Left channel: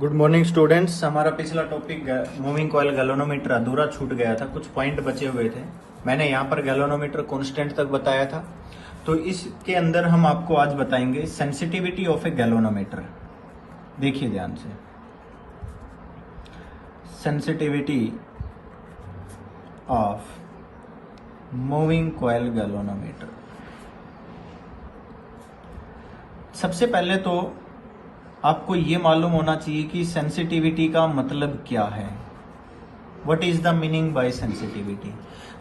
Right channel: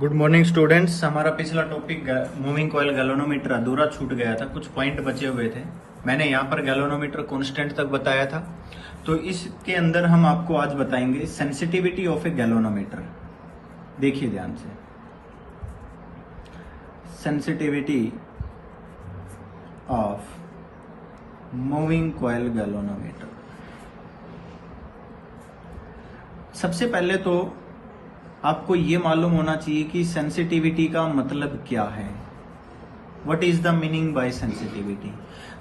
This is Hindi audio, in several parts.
Good morning students. हमारा पिछला टॉपिक मूविंग कॉइल गैल्वेनोमीटर अधूरा छूट गया था, कुछ पॉइंट बचे हुए थे। मैंने यहाँ पर गैल्वेनोमीटर कांस्टेंट तक बताया था, तो इसके अंदर हम आपको आज बताएंगे सेंसिटिविटी ऑफ ए गैल्वेनोमीटर। देखिए ध्यान से, sensitivity of moving coil galvanometer. सबसे पहले तो आपको ये मालूम होना चाहिए कि सेंसिटिविटी का मतलब क्या है। What is the meaning bye sensitivity?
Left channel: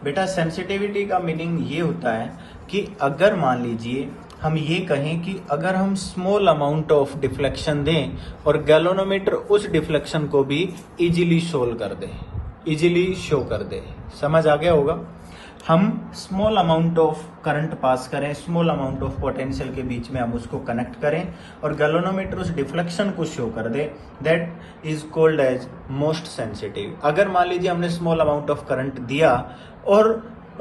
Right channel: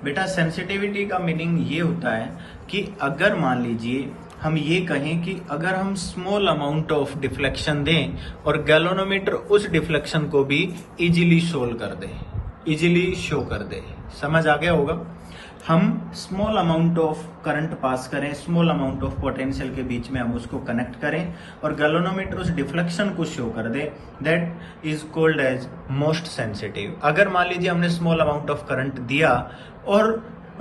बेटा, सेंसिटिविटी का मीनिंग ये होता है कि अगर मान लीजिए हम ये कहें कि अगर हम स्मॉल अमाउंट ऑफ डिफ्लेक्शन दें और गैल्वेनोमीटर उस डिफ्लेक्शन को भी इजीली सोल्व कर दे, इजीली शो कर दे। समझ आ गया होगा। हम small amount of current pass करें, स्मॉल अमाउंट ऑफ पोटेंशियल के बीच में हम उसको कनेक्ट करें और गैल्वेनोमीटर उस डिफ्लेक्शन को शो कर दे, that is called as most sensitive. अगर मान लीजिए हमने स्मॉल अमाउंट ऑफ करंट दिया और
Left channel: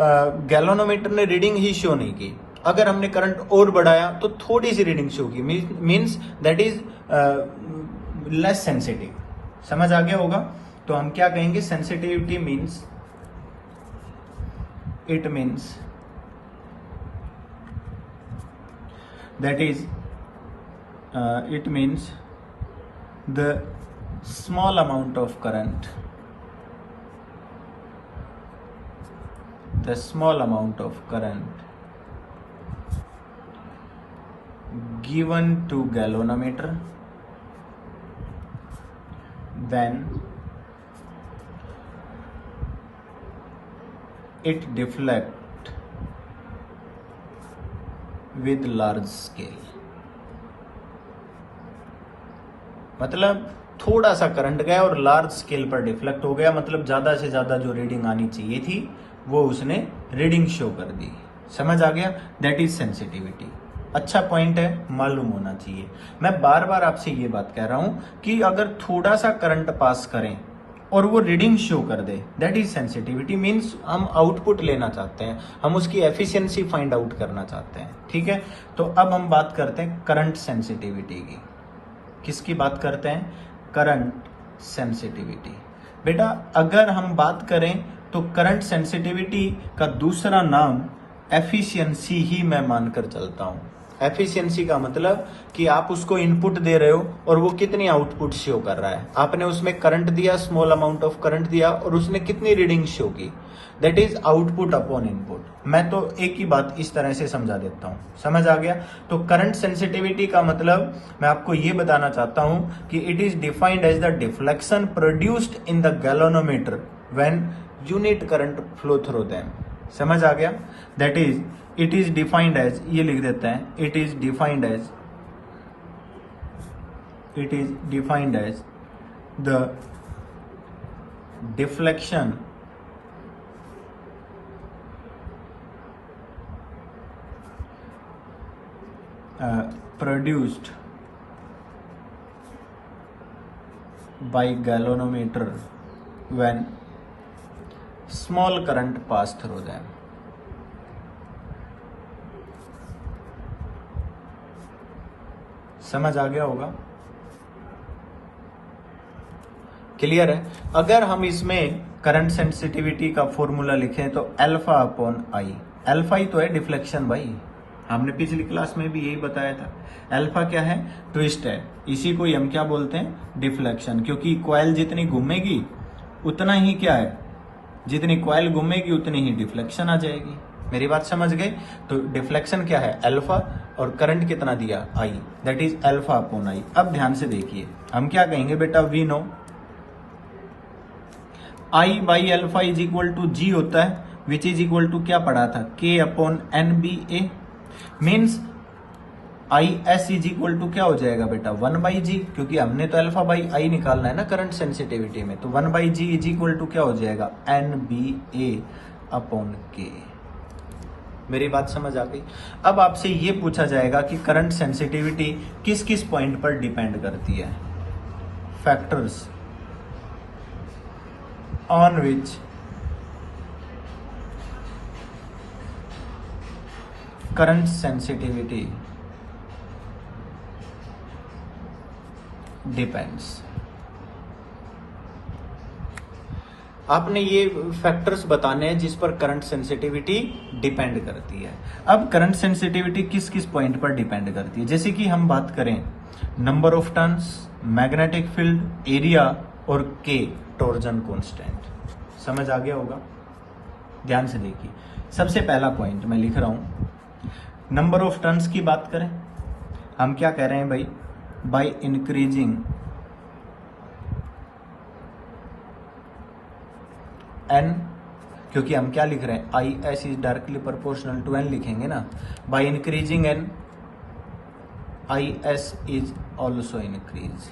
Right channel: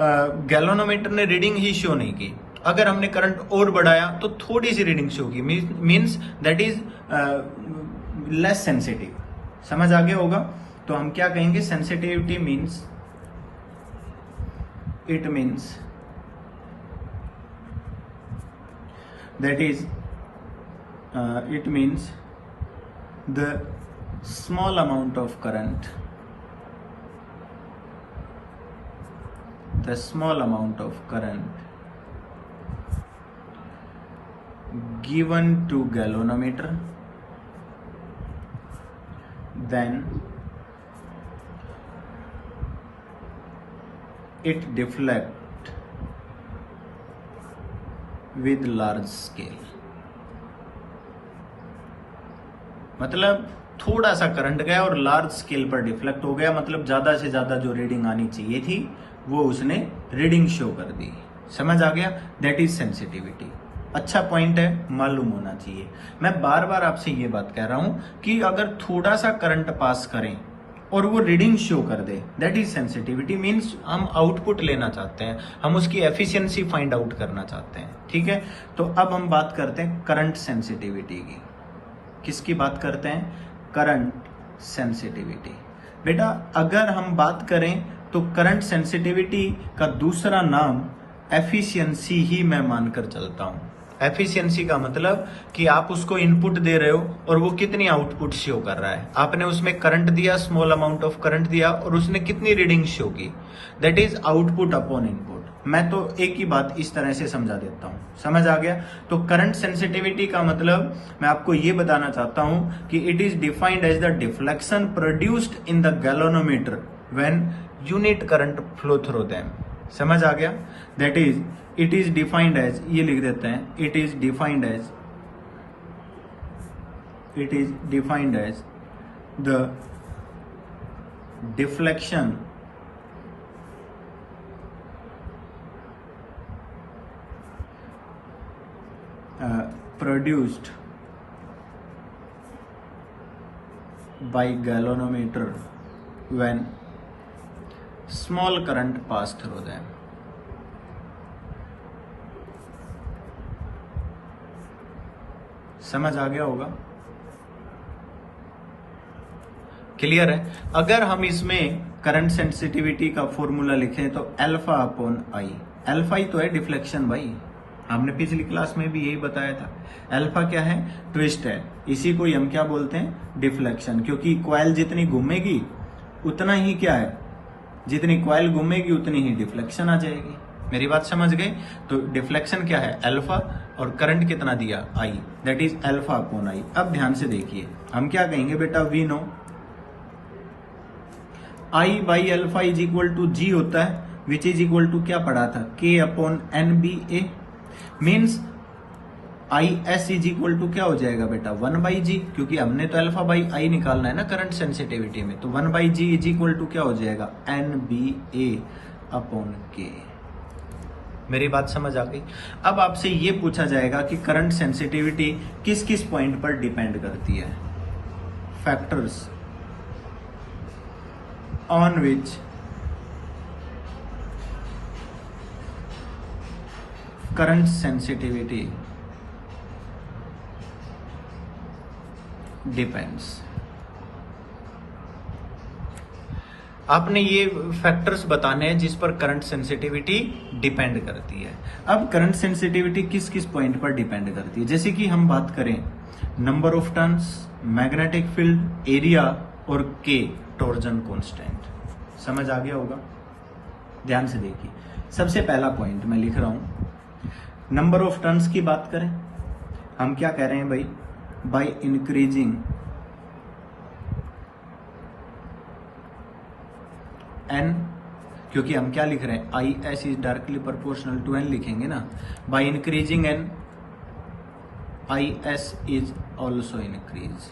गैल्वेनोमीटर ने रीडिंग ही शो नहीं की, अगर हमने करंट और बढ़ाया तो थोड़ी सी रीडिंग शो की, means that is less sensitive. समझ आ गया होगा। तो हम क्या कहेंगे? Sensitivity means it means that is it means the small amount of current, the small amount of current given to galvanometer, then it deflect with large scale। मतलब थोड़ा सा करंट गया और लार्ज स्केल पर डिफ्लेक्ट हो गया, मतलब ज्यादा से ज्यादा जो रीडिंग आनी चाहिए थी वो उसने रीडिंग शो कर दी। समझ आ गया? That is sensitivity. अच्छा पॉइंट है, मालूम होना चाहिए। मैं बार बार आपसे ये बात कह रहा हूं कि अगर थोड़ा सा करंट पास करें और वो रीडिंग शो कर दे, दैट इज सेंसिटिविटी। मीन्स हम आउटपुट लेना चाहते हैं, हम उसकी एफिशिएंसी फाइंड आउट करना चाहते हैं। ठीक है, तो अब हम बात करते हैं करंट सेंसिटिविटी की। किसकी बात करते हैं? Current sensitivity. बेटा, अगर हम बात करें तो करंट सेंसिटिविटी का दूसरा नाम एफिशिएंसी ही मैं मानकर चलता हूं। एफिशिएंसी का मतलब कि आप उसको इनपुट दे रहे हो और वो कितनी आउटपुट शो कर रहा है। आपने उसमें करंट दिया, स्मॉल अमाउंट ऑफ करंट दिया और उसने कितनी रीडिंग शो की, that is output upon input. मैं तो एक ही बात इस तरह से समझा देता हूं। समझ आ गया? तो करंट सेंसिटिविटी का मतलब मैं आपको ये बताना चाहता हूं कि it is defined as the deflection produced in the galvanometer when unit current flow through them. समझ आ गया? That is it is defined as, ये लिख देते हैं, it is defined as the deflection produced by galvanometer when small current pass through them। समझ आ गया होगा? क्लियर है? अगर हम इसमें करंट सेंसिटिविटी का फॉर्मूला लिखें तो अल्फा अपॉन आई। अल्फा ही तो है डिफ्लेक्शन भाई, हमने पिछली क्लास में भी यही बताया था। अल्फा क्या है? ट्विस्ट है। इसी को हम क्या बोलते हैं? डिफ्लेक्शन। क्योंकि कॉइल जितनी घूमेगी उतना ही क्या है, जितनी कॉइल घूमेगी उतनी ही डिफ्लेक्शन आ जाएगी। मेरी बात समझ गए? तो डिफ्लेक्शन क्या है? अल्फा, और करंट कितना दिया? I, that is alpha upon I. अब ध्यान से देखिए, हम क्या कहेंगे बेटा? We know I by alpha is equal to G होता है, विच इज इक्वल टू क्या पढ़ा था? K upon N B A. Means I S is equal to क्या हो जाएगा बेटा? 1 बाई जी, क्योंकि हमने तो अल्फा बाई आई निकालना है ना करंट सेंसिटिविटी में। तो 1 by G is equal to क्या हो जाएगा? एन बी ए अपॉन के। मेरी बात समझ आ गई? अब आपसे ये पूछा जाएगा कि करंट सेंसिटिविटी किस किस पॉइंट पर डिपेंड करती है। Factors on which current sensitivity depends. आपने ये फैक्टर्स बताने हैं जिस पर करंट सेंसिटिविटी डिपेंड करती है। अब करंट सेंसिटिविटी किस किस पॉइंट पर डिपेंड करती है, जैसे कि हम बात करें number of turns, magnetic field, area और के टॉर्जन कांस्टेंट। समझ आ गया होगा? ध्यान से देखिए, सबसे पहला पॉइंट मैं लिख रहा हूं, नंबर ऑफ टर्न्स की बात करें, हम क्या कह रहे हैं भाई, बाय इंक्रीजिंग एन, क्योंकि हम क्या लिख रहे हैं, I S is directly proportional to N लिखेंगे ना, by increasing N I S is also increase.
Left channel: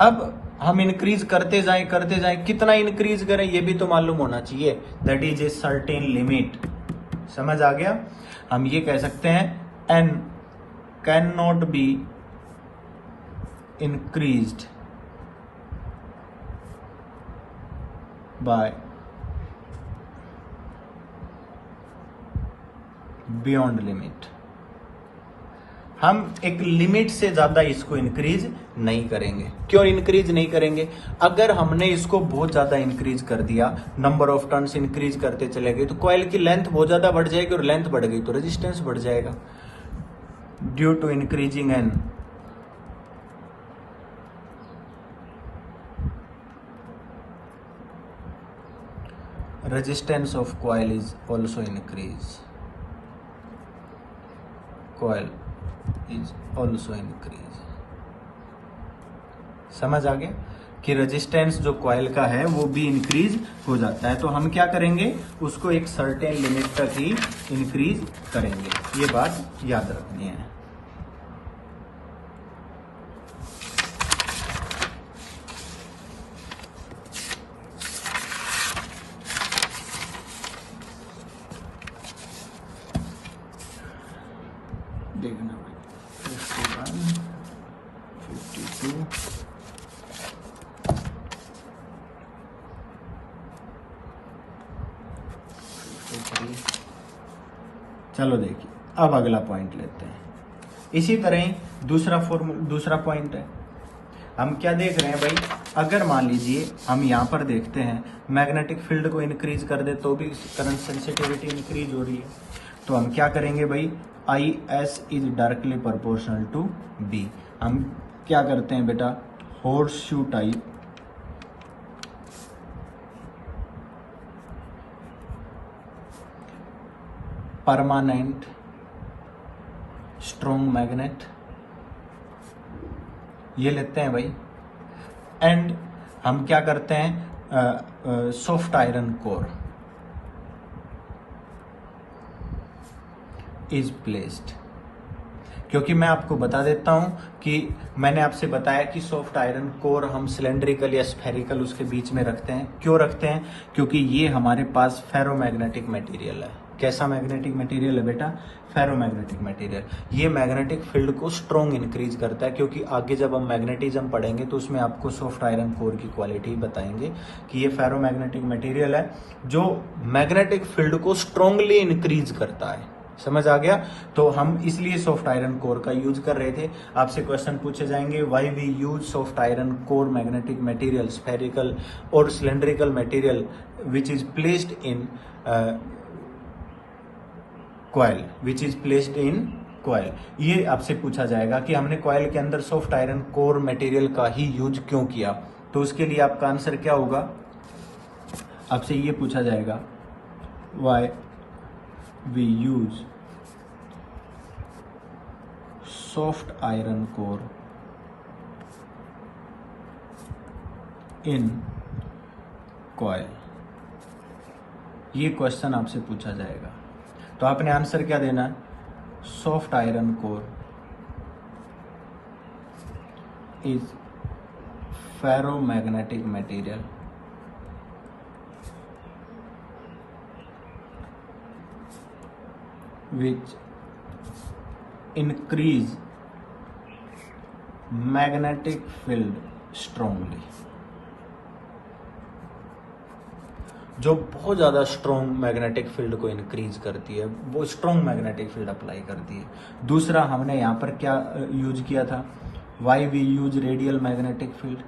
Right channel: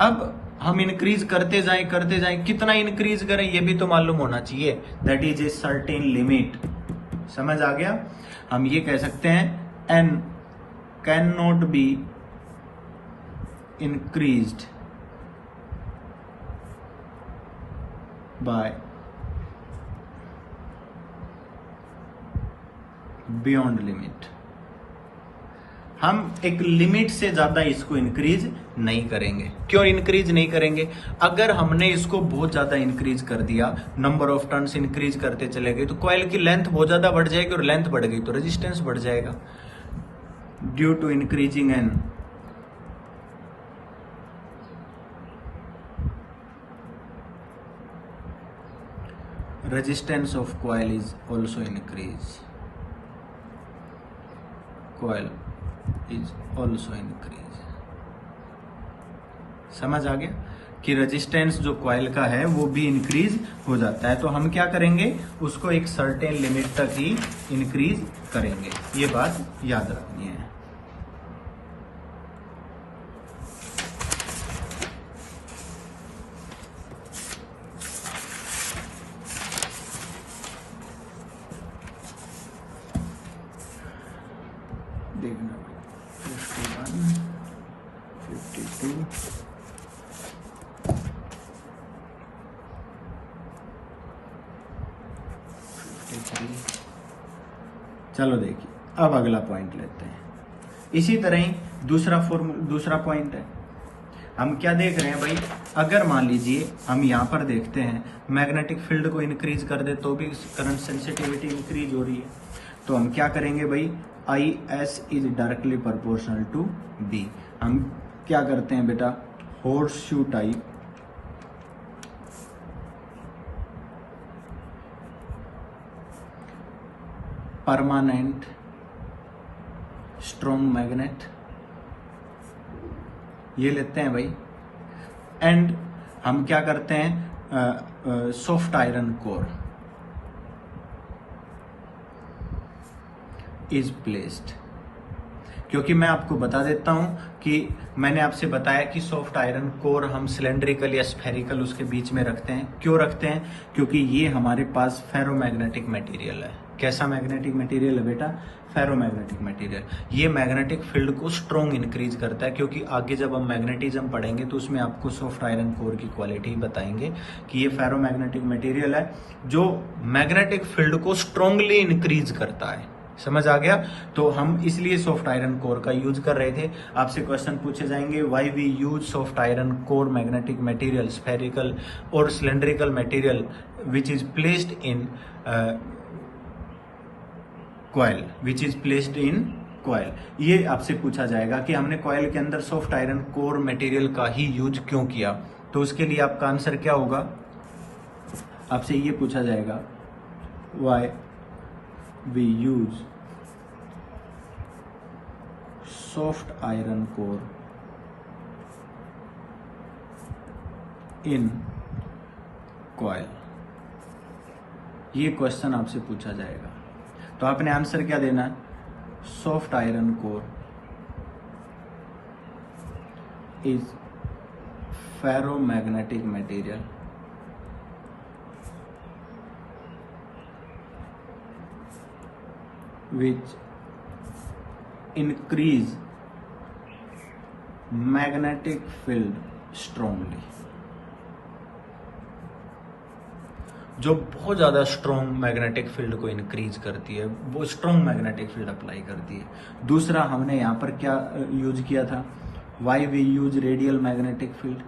अब हम इंक्रीज करते जाएं, कितना इंक्रीज करें ये भी तो मालूम होना चाहिए, that is a certain limit. समझ आ गया? हम ये कह सकते हैं N can not be increased by beyond limit. हम एक लिमिट से ज्यादा इसको इंक्रीज नहीं करेंगे। क्यों इंक्रीज नहीं करेंगे? अगर हमने इसको बहुत ज्यादा इंक्रीज कर दिया, नंबर ऑफ टर्न्स इंक्रीज करते चले गए, तो कॉइल की लेंथ बहुत ज्यादा बढ़ जाएगी, और लेंथ बढ़ गई तो रेजिस्टेंस बढ़ जाएगा। Due to increasing N resistance of coil is also increase, coil is also increase। समझ आ गया कि रेजिस्टेंस जो कॉइल का है वो भी इंक्रीज हो जाता है। तो हम क्या करेंगे, उसको एक सर्टेन लिमिट तक ही इंक्रीज करेंगे, ये बात याद रखनी है। देखना 51, 52, चलो देखिए, अब अगला पॉइंट लेते हैं। इसी तरह ही दूसरा पॉइंट है, हम क्या देख रहे हैं भाई, अगर मान लीजिए हम यहाँ पर देखते हैं मैग्नेटिक फील्ड को इंक्रीज कर दे तो भी करंट सेंसिटिविटी इंक्रीज हो रही है, तो हम क्या करेंगे भाई, I S is directly proportional to B. हम क्या करते हैं बेटा, horseshoe type permanent strong magnet ये लेते हैं भाई, एंड हम क्या करते हैं, soft iron core is placed. क्योंकि मैं आपको बता देता हूं कि मैंने आपसे बताया कि सॉफ्ट आयरन कोर हम सिलेंड्रिकल या स्फेरिकल उसके बीच में रखते हैं। क्यों रखते हैं? क्योंकि ये हमारे पास फेरोमैग्नेटिक मटेरियल है। कैसा मैग्नेटिक मटेरियल है बेटा? Ferromagnetic material. ये मैग्नेटिक फील्ड को स्ट्रॉन्ग इंक्रीज करता है, क्योंकि आगे जब हम मैग्नेटिज्म पढ़ेंगे तो उसमें आपको सॉफ्ट आयरन कोर की क्वालिटी बताएंगे कि ये फेरोमैग्नेटिक मटेरियल है जो मैग्नेटिक फील्ड को स्ट्रांगली इंक्रीज करता है। समझ आ गया? तो हम इसलिए सॉफ्ट आयरन कोर का यूज कर रहे थे। आपसे क्वेश्चन पूछे जाएंगे, why we use soft iron core magnetic material, spherical और cylindrical material which is placed in coil, which is placed in coil. ये आपसे पूछा जाएगा कि हमने कॉइल के अंदर सॉफ्ट आयरन कोर मटेरियल का ही यूज क्यों किया। तो उसके लिए आपका आंसर क्या होगा? आपसे ये पूछा जाएगा, why we use soft iron core in coil. ये क्वेश्चन आपसे पूछा जाएगा, तो आपने आंसर क्या देना है? Soft iron core is ferromagnetic material which increase magnetic field strongly। जो बहुत ज्यादा स्ट्रॉन्ग मैग्नेटिक फील्ड को इंक्रीज करती है, वो स्ट्रॉन्ग मैग्नेटिक फील्ड अप्लाई करती है। दूसरा हमने यहां पर क्या यूज किया था? Why we use radial magnetic field,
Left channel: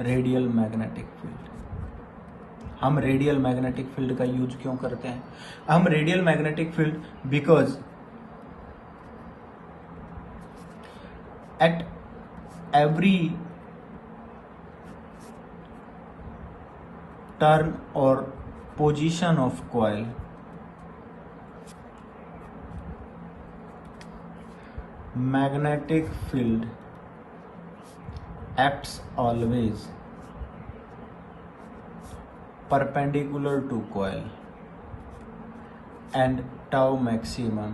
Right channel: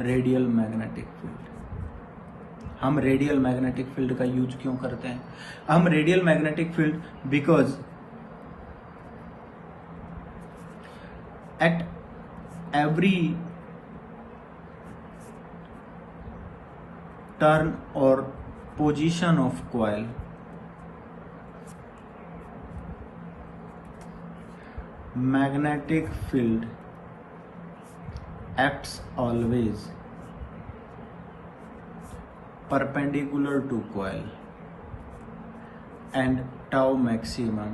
radial magnetic field. हम रेडियल मैग्नेटिक फील्ड का यूज क्यों करते हैं? हम radial magnetic field because at every turn और position of coil magnetic field acts always perpendicular to coil and tau maximum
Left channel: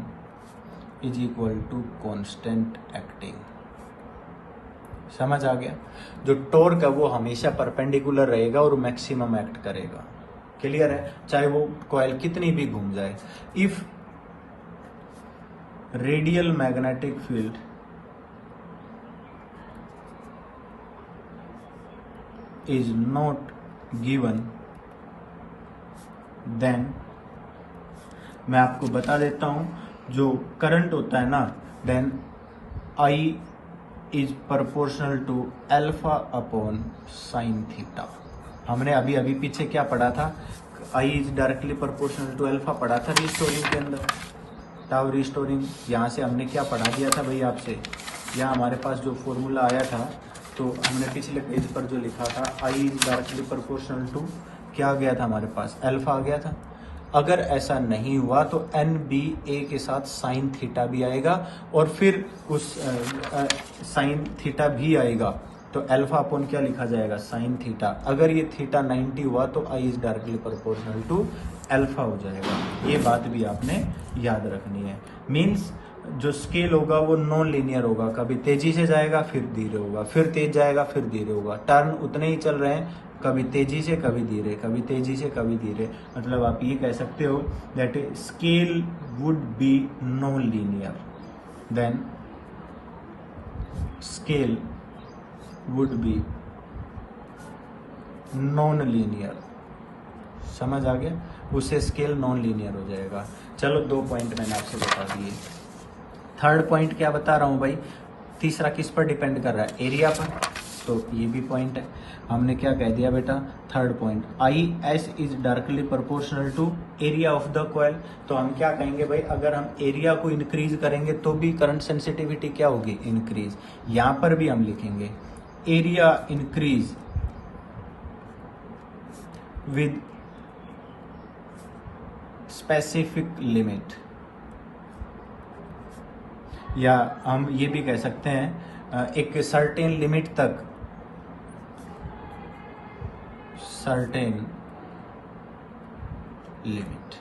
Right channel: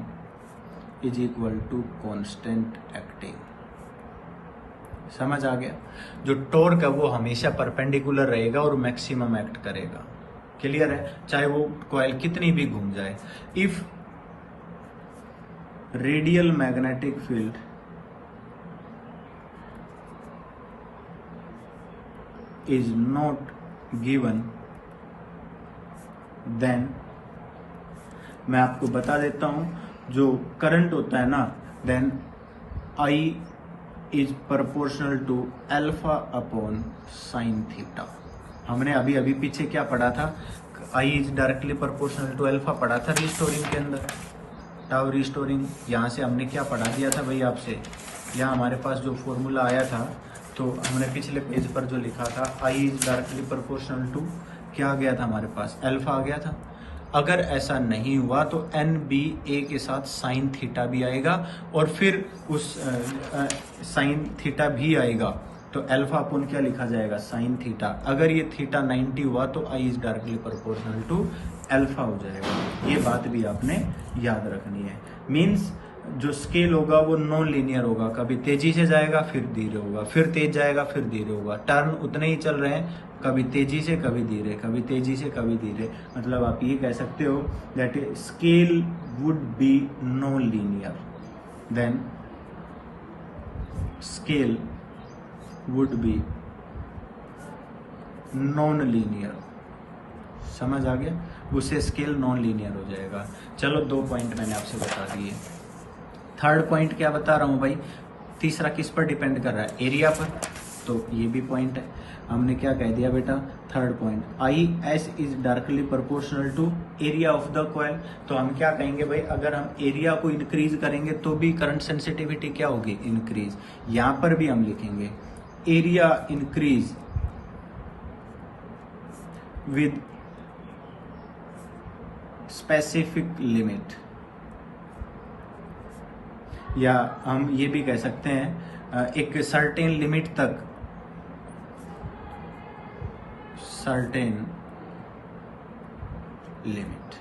is equal to constant acting। समझ आ गया? जो टॉर्क है वो हमेशा परपेंडिकुलर रहेगा और मैक्सिमम एक्ट करेगा। क्लियर है? चाहे वो कॉइल कितनी भी घूम जाए। If radial magnetic field is not given, then मैं आपको बता देता हूं, जो करंट होता है ना, then I is proportional to alpha upon sin theta। हमने अभी अभी पीछे क्या पढ़ा था? I is directly proportional to alpha पढ़ा था रिस्टोरिंग के अंदर। टाउ रिस्टोरिंग, यहाँ से हमने क्या पढ़ा दिया था भाई आपसे? यहाँ हमारे पास जो फॉर्मूला आया था, तो हमने पिछले पेज पर जो लिखा था आई इज डायरेक्टली प्रोपोर्शनल टू क्या आ गया था हमारे पास? अल्फा आ गया था। अगर ऐसा नहीं हुआ तो एन बी ए के साथ साइन थीटा भी आएगा और फिर उस साइन थीटा भी आएगा, तो अल्फा अपॉन क्या लिखा जाएगा? Sine theta. अगर ये थीटा 90 हुआ तो I is directly proportional to alpha हो जाएगा। ये बात भी आपने याद रखनी है। मींस जो स्केल होगा वो नॉन लीनियर होगा, कभी तेजी से जाएगा फिर धीरे होगा, फिर तेज जाएगा फिर धीरे होगा। टर्न उतने ही चल रहे हैं, कभी तेजी से कभी धीरे, कभी तेजी से कभी धीरे। मतलब आप ये कह सकते हो that scale would be non linear, then scale would be non linear. समझ आ गया? उससे स्केल नॉन लीनियर हो जाएगा। चलो 2 पॉइंट मैंने आपसे बता दिए। थर्ड पॉइंट क्या बता रहा हूं भाई? तीसरा किस पर डिपेंड कर रहा है? एरिया पर। तो ये भी पॉइंट है। हमने क्या कह दिया बेटा? Third point, I S is directly proportional to area of the coil. तो हम क्या कहेंगे भाई? अगर हम एरिया को इंक्रीज करेंगे तो भी करंट सेंसिटिविटी क्या होगी? इंक्रीज। यहां पर भी हम लिखेंगे area increase with specific limit, या हम ये भी कह सकते हैं एक सर्टेन लिमिट तक, सर्टेन लिमिट।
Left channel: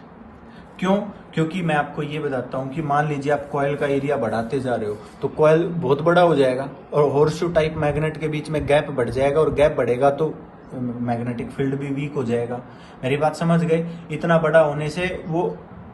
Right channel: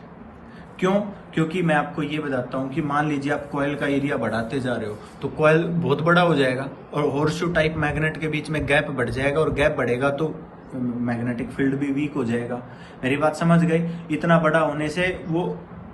क्यों? क्योंकि मैं आपको ये बताता हूं कि मान लीजिए आप कॉइल का एरिया बढ़ाते जा रहे हो तो कॉइल बहुत बड़ा हो जाएगा और हॉर्सशू टाइप मैग्नेट के बीच में गैप बढ़ जाएगा, और गैप बढ़ेगा तो मैग्नेटिक फील्ड भी वीक हो जाएगा। मेरी बात समझ गए? इतना बड़ा होने से वो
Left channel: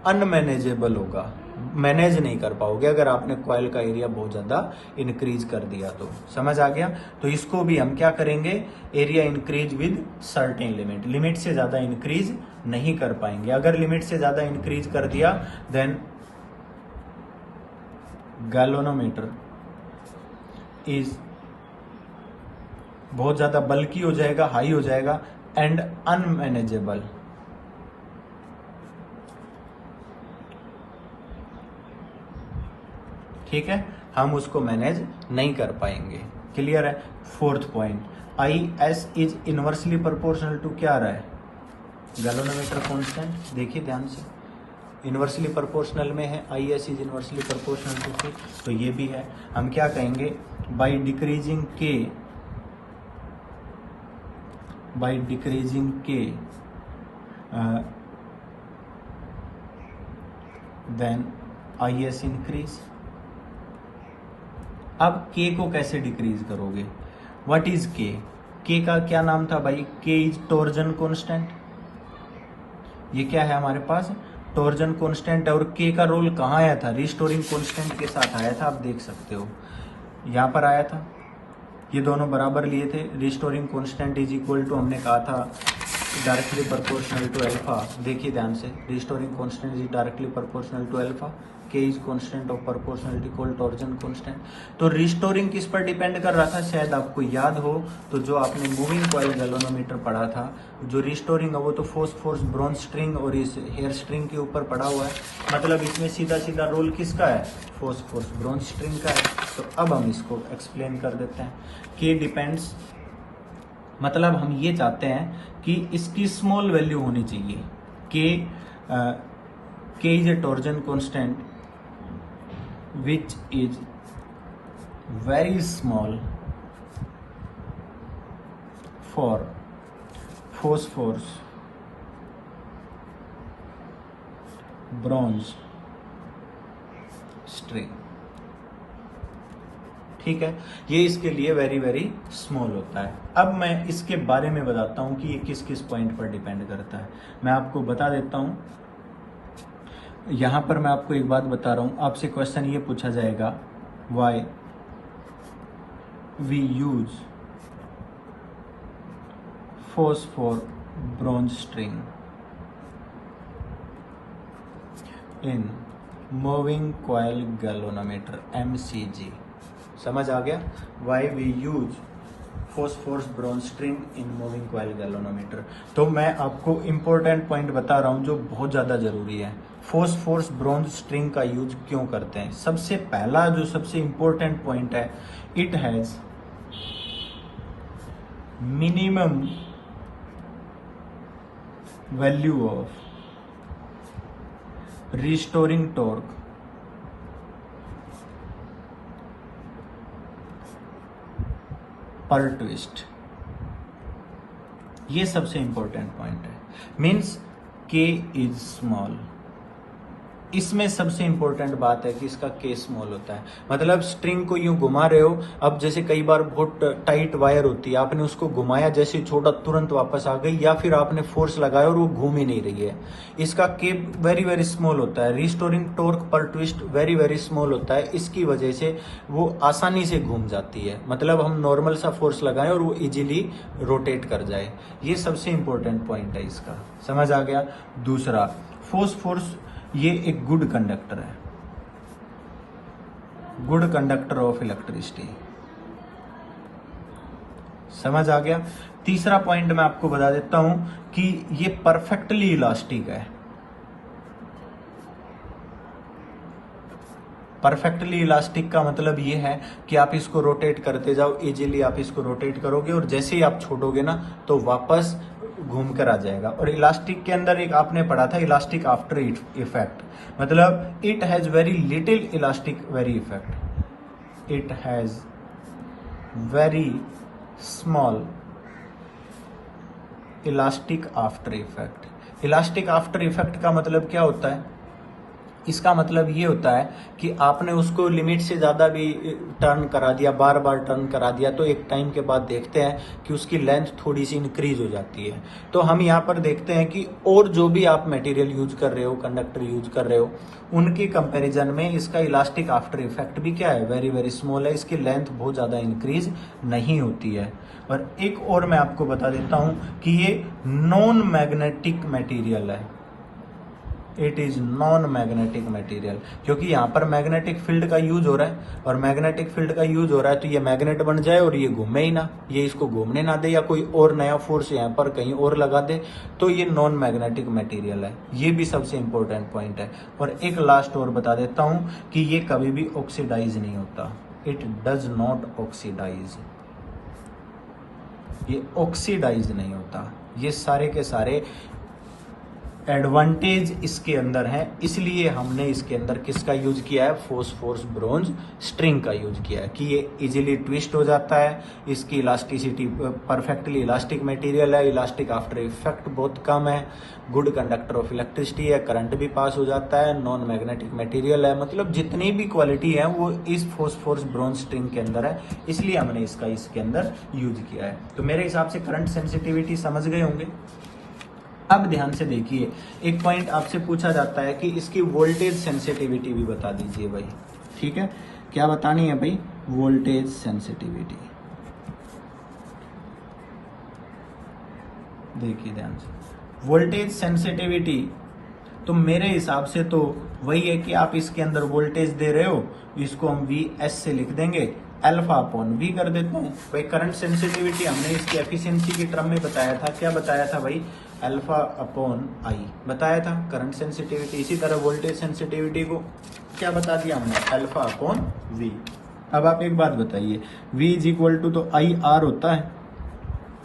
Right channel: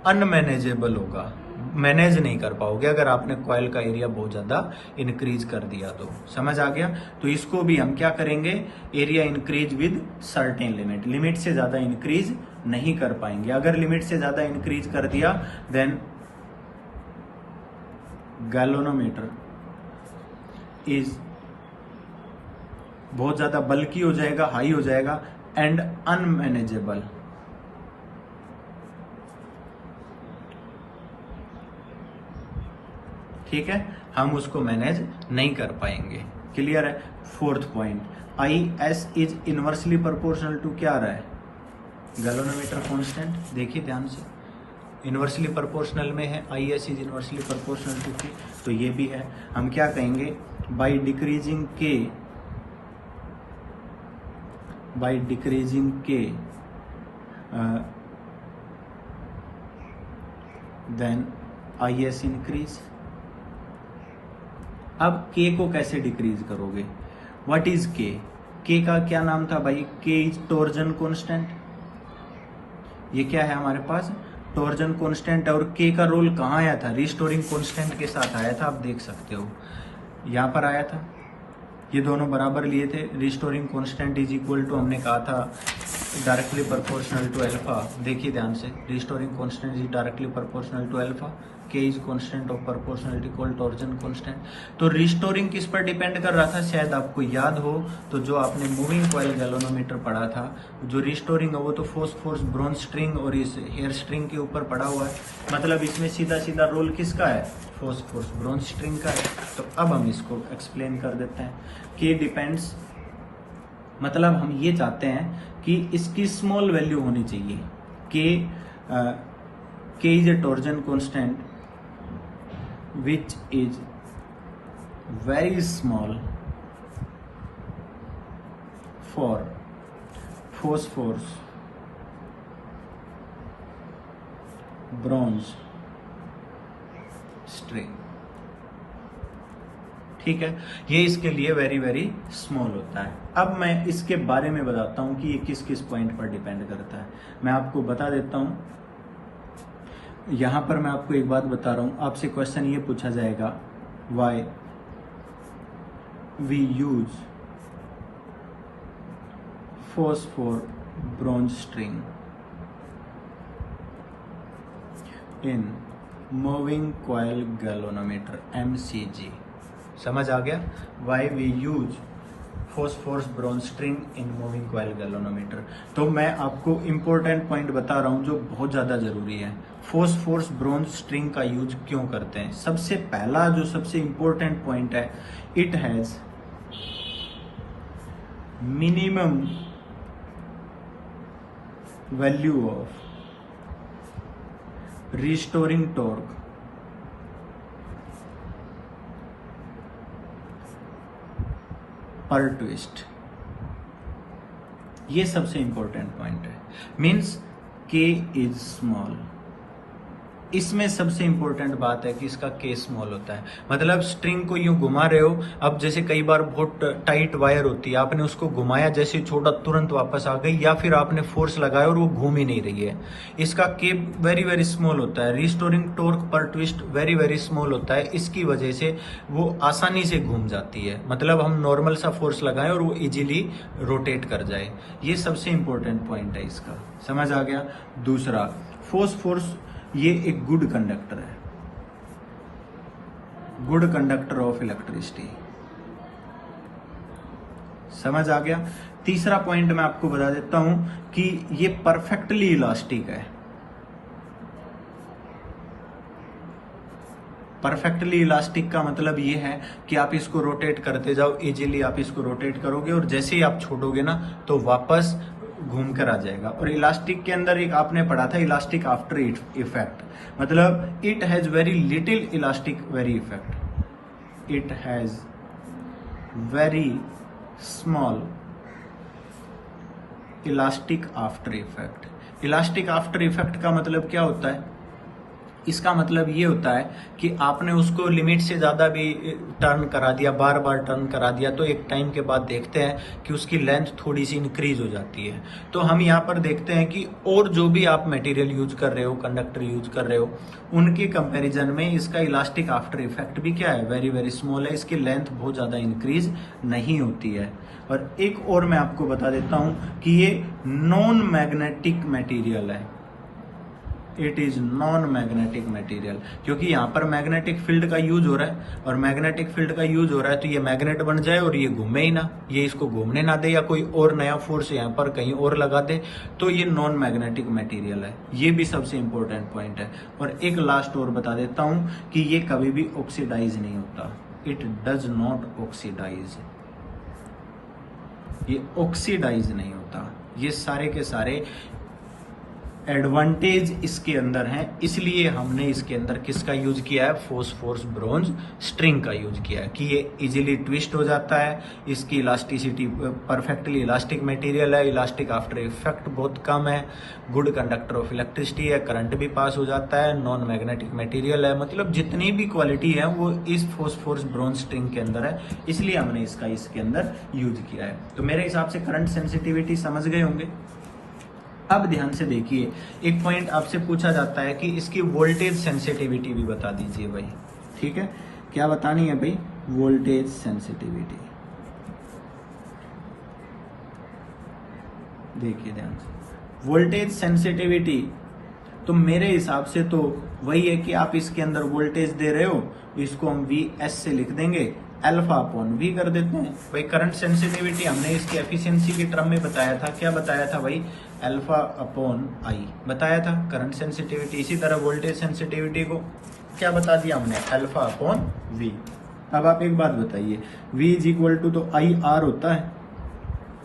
अनमैनेजेबल होगा, मैनेज नहीं कर पाओगे अगर आपने कॉइल का एरिया बहुत ज्यादा इंक्रीज कर दिया तो। समझ आ गया? तो इसको भी हम क्या करेंगे? Area increase with certain limit. Limit से ज्यादा इंक्रीज नहीं कर पाएंगे। अगर लिमिट से ज्यादा इंक्रीज कर दिया देन गैल्वेनोमीटर इज बहुत ज्यादा बल्की हो जाएगा, हाई हो जाएगा एंड अनमैनेजेबल। ठीक है? हम उसको मैनेज नहीं कर पाएंगे। क्लियर है? Fourth point, I S is inversely proportional to क्या आ रहा है? Galvanometer constant. देखिए ध्यान से, इनवर्सली प्रोपोर्शनल में है, I S is inversely proportional to K, तो ये भी है। हम क्या कहेंगे? By decreasing K, by decreasing K then I S increase. अब के को कैसे डिक्रीज करोगे? व्हाट इज के? के का क्या नाम था भाई? के इज टॉर्जन कांस्टेंट। ये क्या है हमारे पास? Torsion constant. और के का रोल कहाँ आया था? रिस्टोरिंग कांस्टेंट के साथ आया था। आप देख सकते हो यहां पर आया था, ये दोनों बराबर लिए थे। Restoring constant is equal to, हमने कहा था डायरेक्टली प्रोपोर्शनल टू अल्फा। देखिए ध्यान से, restoring constant is directly proportional to alpha. K is constant of proportionality called torsion constant. तो रिस्टोरिंग किस पर डिपेंड कर रहा था, शायद आपको याद हो तो जो आपने मूविंग कॉइल गैल्वेनोमीटर पढ़ा था, जो रिस्टोरिंग है वो तो फोर्स ब्रॉन्ज स्ट्रिंग और इस हेयर स्ट्रिंग के ऊपर पड़ा हुआ है, मतलब इसमें सीधा सीधा रोल किसका है, फोर्स ब्रॉन्ज स्ट्रिंग का है। तो अब हम इसको एक्सप्लेन कर देते हैं। के डिपेंड्स, मतलब हम ये चाहते हैं कि इसकी स्मॉल वैल्यू होनी चाहिए। के is a torsion constant which is very small for phosphorus, bronze string। ठीक है, ये इसके लिए वेरी वेरी स्मॉल होता है। अब मैं इसके बारे में बताता हूं कि ये किस किस पॉइंट पर डिपेंड करता है। मैं आपको बता देता हूं, यहां पर मैं आपको एक बात बता रहा हूं, आपसे क्वेश्चन ये पूछा जाएगा, why we use phosphor bronze string in moving coil galvanometer MCG। समझ आ गया, why we use phosphorus bronze string in moving coil galvanometer. तो मैं आपको इंपॉर्टेंट पॉइंट बता रहा हूं जो बहुत ज्यादा जरूरी है। फॉस्फोरस ब्रॉन्ज स्ट्रिंग का यूज क्यों करते हैं? सबसे पहला जो सबसे इंपॉर्टेंट पॉइंट है, it has minimum value of restoring torque पर ट्विस्ट। ये सबसे इंपॉर्टेंट पॉइंट है। मीन्स के इज स्मॉल, इसमें सबसे इंपॉर्टेंट बात है कि इसका के स्मॉल होता है। मतलब स्ट्रिंग को यूं घुमा रहे हो, अब जैसे कई बार बहुत टाइट वायर होती है, आपने उसको घुमाया, जैसे छोड़ा तुरंत वापस आ गई, या फिर आपने फोर्स लगाया और वो घूम ही नहीं रही है। इसका के वेरी वेरी स्मॉल होता है। रिस्टोरिंग टॉर्क पर ट्विस्ट वेरी वेरी स्मॉल होता है, इसकी वजह से वो आसानी से घूम जाती है। मतलब हम नॉर्मल सा फोर्स लगाएं और वो इजीली रोटेट कर जाए। ये सबसे इंपॉर्टेंट पॉइंट है इसका, समझ आ गया। दूसरा, फोर्स ये एक गुड कंडक्टर है, गुड कंडक्टर ऑफ इलेक्ट्रिसिटी। समझ आ गया। तीसरा पॉइंट मैं आपको बता देता हूं कि ये परफेक्टली इलास्टिक है। परफेक्टली इलास्टिक का मतलब ये है कि आप इसको रोटेट करते जाओ, इजीली आप इसको रोटेट करोगे और जैसे ही आप छोड़ोगे ना तो वापस घूम कर आ जाएगा। और इलास्टिक के अंदर एक आपने पढ़ा था, इलास्टिक आफ्टर इफेक्ट, मतलब it has very little elastic very effect, it has very small elastic after effect. Elastic after effect का मतलब क्या होता है? इसका मतलब ये होता है कि आपने उसको लिमिट से ज्यादा भी टर्न करा दिया, बार बार टर्न करा दिया, तो एक टाइम के बाद देखते हैं कि उसकी लेंथ थोड़ी सी इंक्रीज हो जाती है। तो हम यहाँ पर देखते हैं कि और जो भी आप मटेरियल यूज कर रहे हो, कंडक्टर यूज कर रहे हो, उनके कंपैरिजन में इसका इलास्टिक आफ्टर इफेक्ट भी क्या है, वेरी वेरी स्मॉल है। इसकी लेंथ बहुत ज्यादा इंक्रीज नहीं होती है। और एक और मैं आपको बता देता हूं कि ये नॉन मैग्नेटिक मटेरियल है। It is non magnetic material, क्योंकि यहाँ पर मैग्नेटिक फील्ड का यूज हो रहा है, और मैग्नेटिक फील्ड का यूज हो रहा है तो ये मैग्नेट बन जाए और ये घूमे ही ना, ये इसको घूमने ना दे, या कोई और नया फोर्स यहाँ पर कहीं और लगा दे, तो ये नॉन मैग्नेटिक मटेरियल है। ये भी सबसे इंपॉर्टेंट पॉइंट है। और एक लास्ट और बता देता हूं कि ये कभी भी ऑक्सीडाइज नहीं होता। इट डज नॉट ऑक्सीडाइज, ये ऑक्सीडाइज नहीं होता। ये सारे के सारे एडवांटेज इसके अंदर है, इसलिए हमने इसके अंदर किसका यूज किया है, फॉस्फोरस ब्रॉन्ज स्ट्रिंग का यूज किया है कि ये इजीली ट्विस्ट हो जाता है, इसकी इलास्टिसिटी परफेक्टली इलास्टिक मटेरियल है, इलास्टिक आफ्टर इफेक्ट बहुत कम है, गुड कंडक्टर ऑफ इलेक्ट्रिसिटी है, करंट भी पास हो जाता है, नॉन मैग्नेटिक मटेरियल है। मतलब जितनी भी क्वालिटी है वो इस फॉस्फोरस ब्रॉन्ज स्ट्रिंग के अंदर है, इसलिए हमने इसका इसके अंदर यूज किया है। तो मेरे हिसाब से करंट सेंसिटिविटी समझ गए होंगे। अब ध्यान से देखिए, एक पॉइंट आपसे पूछा जाता है कि इसकी वोल्टेज सेंसिटिविटी भी बता दीजिए भाई। ठीक है, क्या बतानी है भाई, वोल्टेज सेंसिटिविटी। देखिए ध्यान से, वोल्टेज सेंसिटिविटी तो मेरे हिसाब से तो वही है कि आप इसके अंदर वोल्टेज दे रहे हो, इसको हम वी एस से लिख देंगे, अल्फा अपॉन वी कर देते हैं। भाई करंट सेंसिटिविटी हमने इसकी एफिशिएंसी के टर्म में बताया था, क्या बताया था भाई, अल्फा अपॉन आई बताया था करंट सेंसिटिविटी। इसी तरह वोल्टेज सेंसिटिविटी को क्या बता दिया हमने, अल्फा अपॉन वी। अब आप एक बात बताइए, V इज इक्वल टू तो आई आर होता है,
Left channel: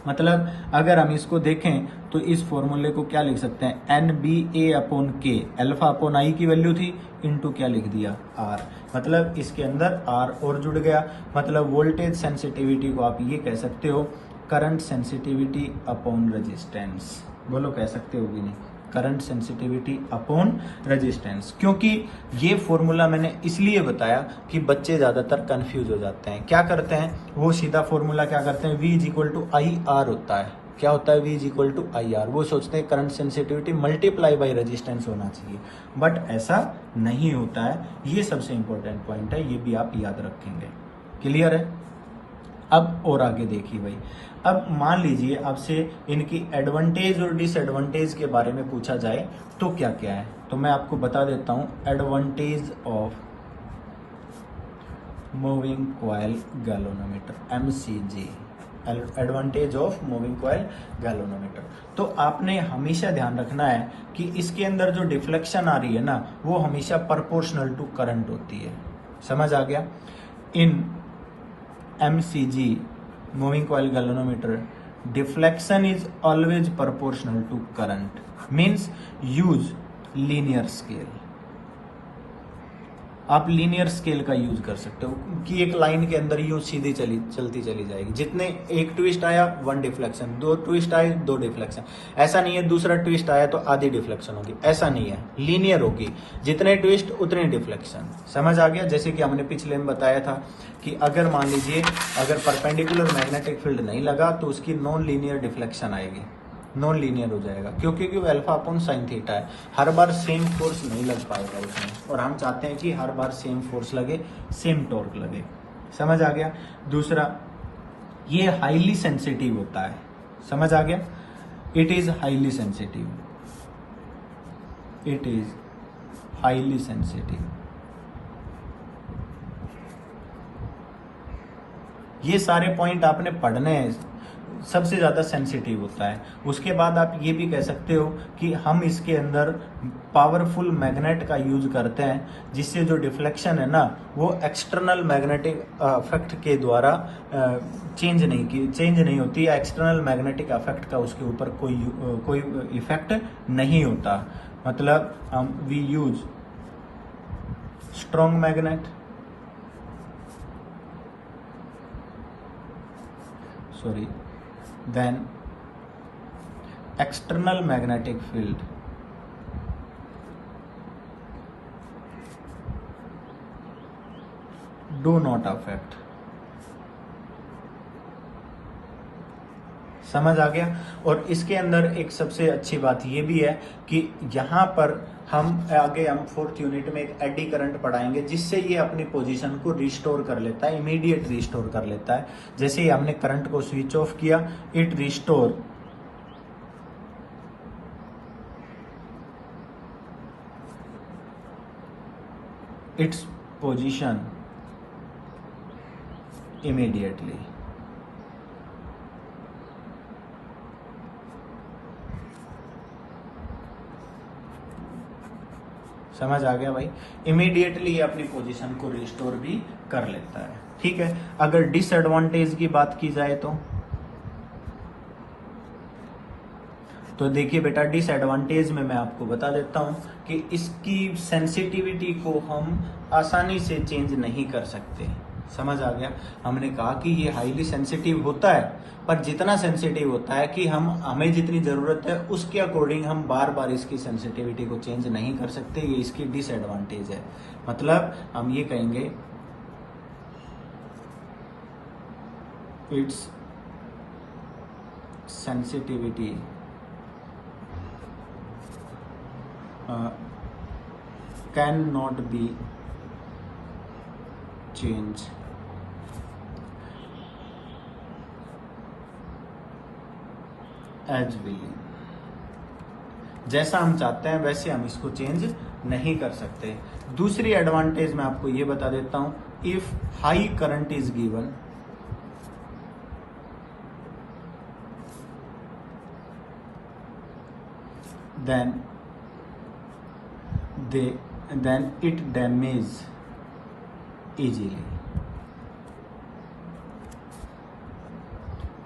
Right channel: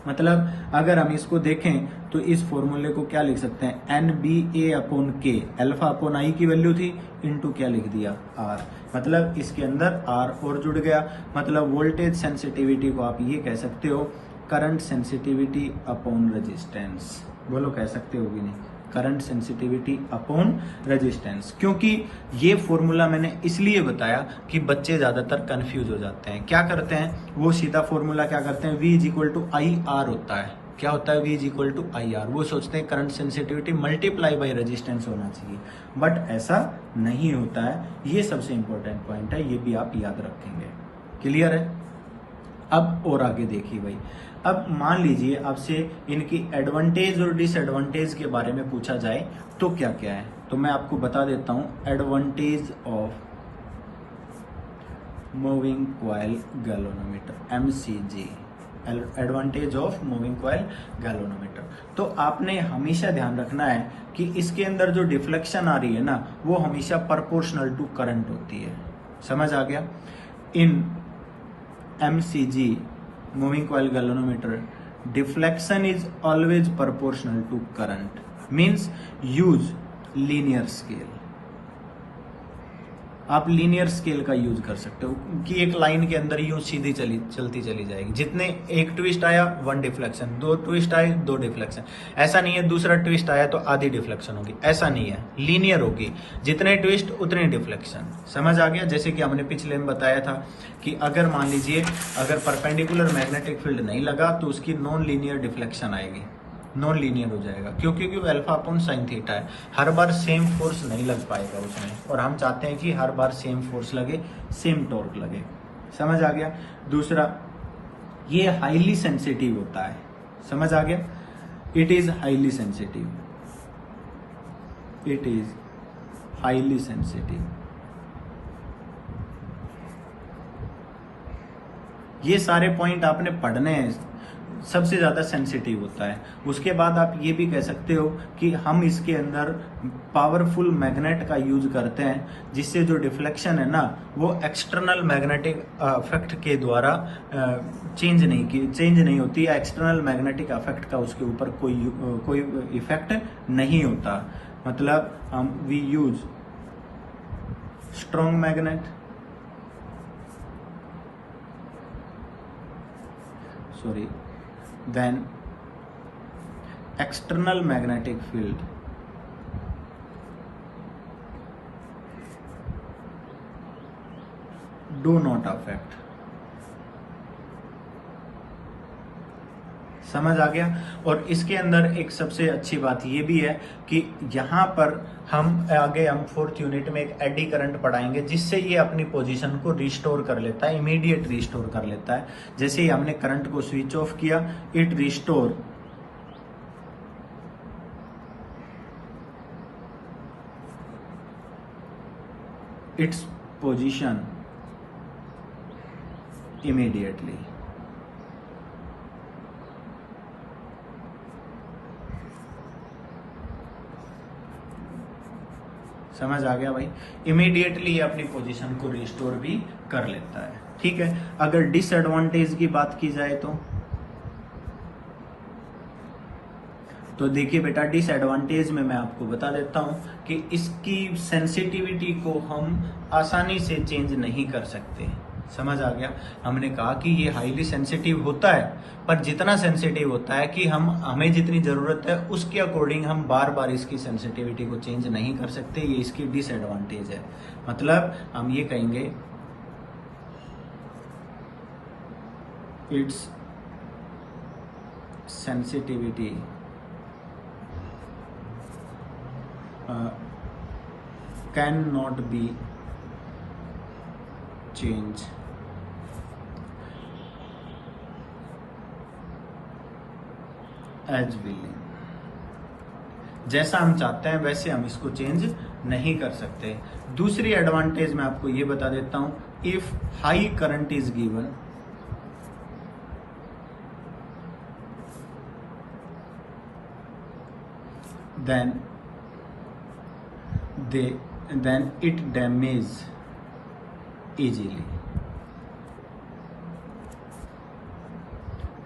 मतलब अगर हम इसको देखें तो इस फॉर्मूले को क्या लिख सकते हैं, एन बी ए अपॉन के, अल्फा अपॉन आई की वैल्यू थी, इनटू क्या लिख दिया, आर, मतलब इसके अंदर आर और जुड़ गया। मतलब वोल्टेज सेंसिटिविटी को आप ये कह सकते हो करंट सेंसिटिविटी अपॉन रेजिस्टेंस। बोलो कह सकते हो कि नहीं, करंट सेंसिटिविटी अपॉन रेजिस्टेंस। क्योंकि ये फॉर्मूला मैंने इसलिए बताया कि बच्चे ज्यादातर कंफ्यूज हो जाते हैं। क्या करते हैं वो, सीधा फॉर्मूला क्या करते हैं, V is equal to I R होता है। क्या होता है, V is equal to I R. वो सोचते हैं current sensitivity multiply by resistance होना चाहिए, बट ऐसा नहीं होता है। ये सबसे इंपॉर्टेंट पॉइंट है, ये भी आप याद रखेंगे। क्लियर है। अब और आगे देखिए भाई, अब मान लीजिए आपसे इनकी एडवांटेज और डिसएडवांटेज के बारे में पूछा जाए तो क्या क्या है, तो मैं आपको बता देता हूं। Advantage of moving coil galvanometer, MCG, advantage of moving coil galvanometer. तो आपने हमेशा ध्यान रखना है कि इसके अंदर जो डिफ्लेक्शन आ रही है ना, वो हमेशा प्रोपोर्शनल टू करंट होती है। समझ आ गया। इन MCG, moving coil galvanometer, deflection is always proportional to current, means use linear scale। आप लीनियर स्केल का यूज कर सकते हो कि एक लाइन के अंदर यूं सीधी चलती चली जाएगी। जितने एक ट्विस्ट आया 1 डिफ्लेक्शन, 2 ट्विस्ट आए 2 डिफ्लेक्शन। ऐसा नहीं है दूसरा ट्विस्ट आया तो आधी डिफ्लेक्शन होगी, ऐसा नहीं है, लीनियर होगी। जितने ट्विस्ट उतने डिफ्लेक्शन। समझ आ गया। जैसे कि हमने पिछले में बताया था कि अगर मान लीजिए अगर परपेंडिकुलर मैग्नेटिक फील्ड नहीं लगा तो उसकी नॉन लीनियर डिफ्लेक्शन आएगी, नॉन लीनियर हो जाएगा। क्योंकि अल्फा अपॉन साइन थीटा है, हर बार सेम फोर्स नहीं लग पाएगा उसमें, और हम चाहते हैं कि हर बार सेम फोर्स लगे, सेम टॉर्क लगे। समझ आ गया। दूसरा, ये हाईली सेंसिटिव होता है। समझ आ गया। It is highly sensitive, it is highly sensitive. ये सारे पॉइंट आपने पढ़ने हैं। सबसे ज्यादा सेंसिटिव होता है। उसके बाद आप ये भी कह सकते हो कि हम इसके अंदर पावरफुल मैग्नेट का यूज करते हैं, जिससे जो डिफ्लेक्शन है ना वो एक्सटर्नल मैग्नेटिक इफेक्ट के द्वारा चेंज नहीं होती है। एक्सटर्नल मैग्नेटिक इफेक्ट का उसके ऊपर कोई इफेक्ट नहीं होता। मतलब हम we use strong magnet, sorry, then external magnetic field do not affect। समझ आ गया। और इसके अंदर एक सबसे अच्छी बात ये भी है कि यहाँ पर हम आगे हम 4th यूनिट में एक एडी करंट पढ़ाएंगे, जिससे ये अपनी पोजीशन को रिस्टोर कर लेता है, इमीडिएट रिस्टोर कर लेता है। जैसे ही हमने करंट को स्विच ऑफ किया, it restore its position immediately. समझ आ गया भाई। इमीडिएटली अपनी पोजीशन को रिस्टोर भी कर लेता है। ठीक है। अगर डिसएडवांटेज की बात की जाए तो देखिए बेटा, डिसएडवांटेज में मैं आपको बता देता हूं कि इसकी सेंसिटिविटी को हम आसानी से चेंज नहीं कर सकते। समझ आ गया। हमने कहा कि ये हाईली सेंसिटिव होता है, पर जितना सेंसिटिव होता है कि हमें जितनी जरूरत है उसके अकॉर्डिंग हम बार बार इसकी सेंसिटिविटी को चेंज नहीं कर सकते। ये इसकी डिसएडवांटेज है। मतलब हम ये कहेंगे it's sensitivity can not be change as willing. जैसा हम चाहते हैं वैसे हम इसको चेंज नहीं कर सकते। दूसरी एडवांटेज मैं आपको ये बता देता हूं, if high current is given then it damage easily,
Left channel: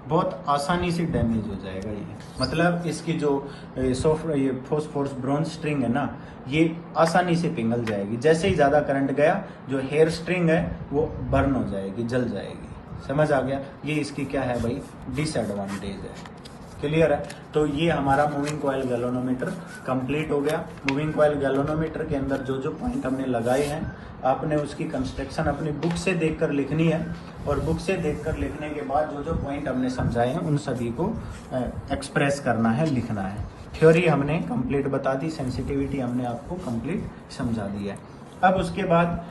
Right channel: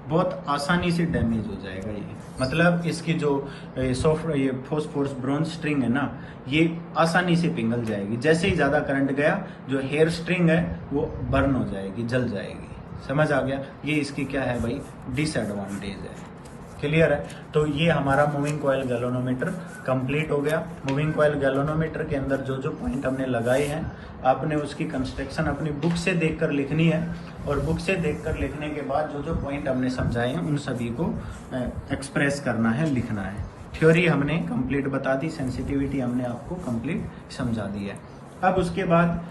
बहुत आसानी से डैमेज हो जाएगा ये। मतलब इसकी जो सॉफ्टवेयर ये फॉस्फोरस ब्रॉन्ज स्ट्रिंग है ना, ये आसानी से पिघल जाएगी। जैसे ही ज्यादा करंट गया जो हेयर स्ट्रिंग है वो बर्न हो जाएगी, जल जाएगी। समझ आ गया? ये इसकी क्या है भाई, डिसएडवांटेज है। क्लियर है? तो ये हमारा मूविंग कॉइल गैल्वेनोमीटर कंप्लीट हो गया। मूविंग कॉइल गैल्वेनोमीटर के अंदर जो जो पॉइंट हमने लगाए हैं, आपने उसकी कंस्ट्रक्शन अपनी बुक से देखकर लिखनी है, और बुक से देखकर लिखने के बाद जो जो पॉइंट हमने समझाए हैं उन सभी को एक्सप्रेस करना है, लिखना है। थ्योरी हमने कंप्लीट बता दी, सेंसिटिविटी हमने आपको कंप्लीट समझा दी है। अब उसके बाद